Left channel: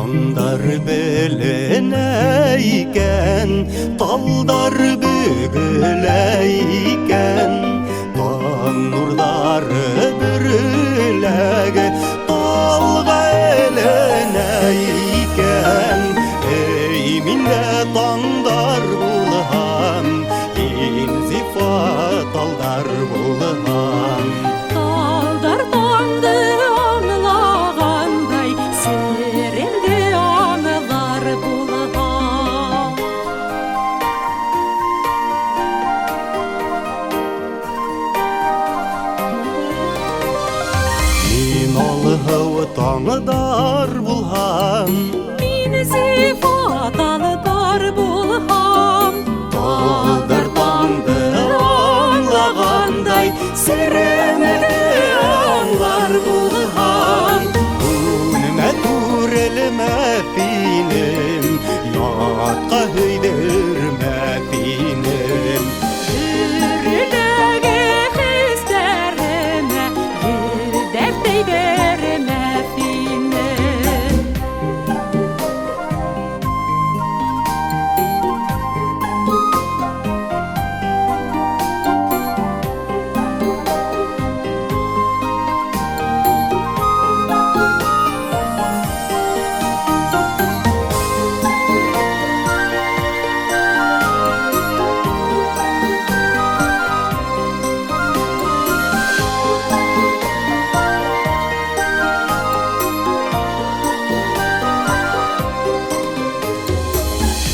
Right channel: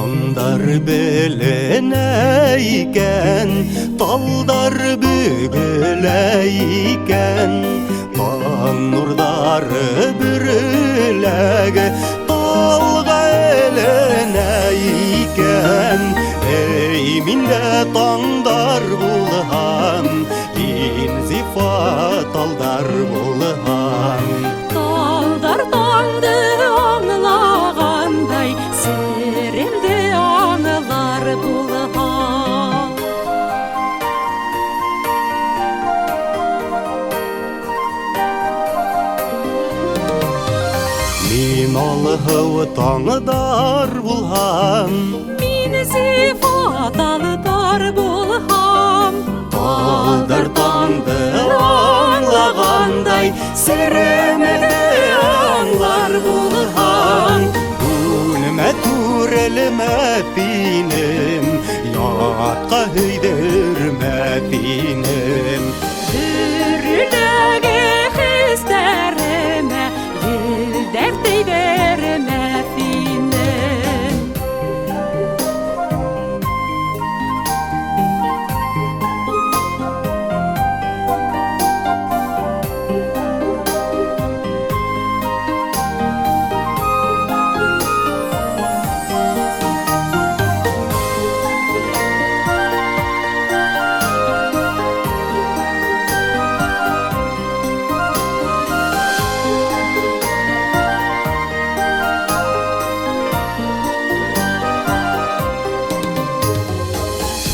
Таңдар беленейкен, талдар бүгілейкен, таң нұрдары бүріләгі, талға еленейкен. Ей, минде таңдар бұлғам, инзифа талдар бұлғам. Талдар таңды аңлағандай, серемді аңылар бұлғам. Мин алғау таңдар бұлғам, Мин зифаталдар бұлғам. талдар таңды аңлағандай, серемді аңлар бұлғам. Күніме түреліме пинем, ятқа өйдірме пинем. Дүрілігі хістеріме, елдер дейдеріме пинем.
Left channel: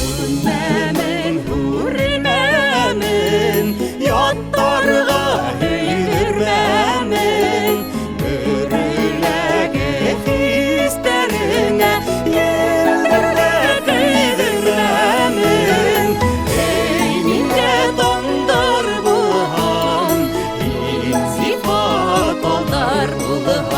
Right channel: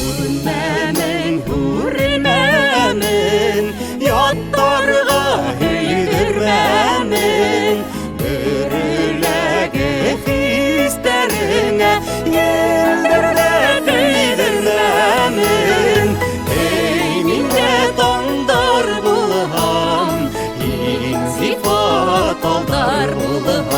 Үнмәмен, хүрмәмен, яттарға үйдірмәмен. Бүріләгі хистеріңе, елдерді түйдірмәмен. Ей, минде таңдар бұлғам, инзифа талдар бұлғам.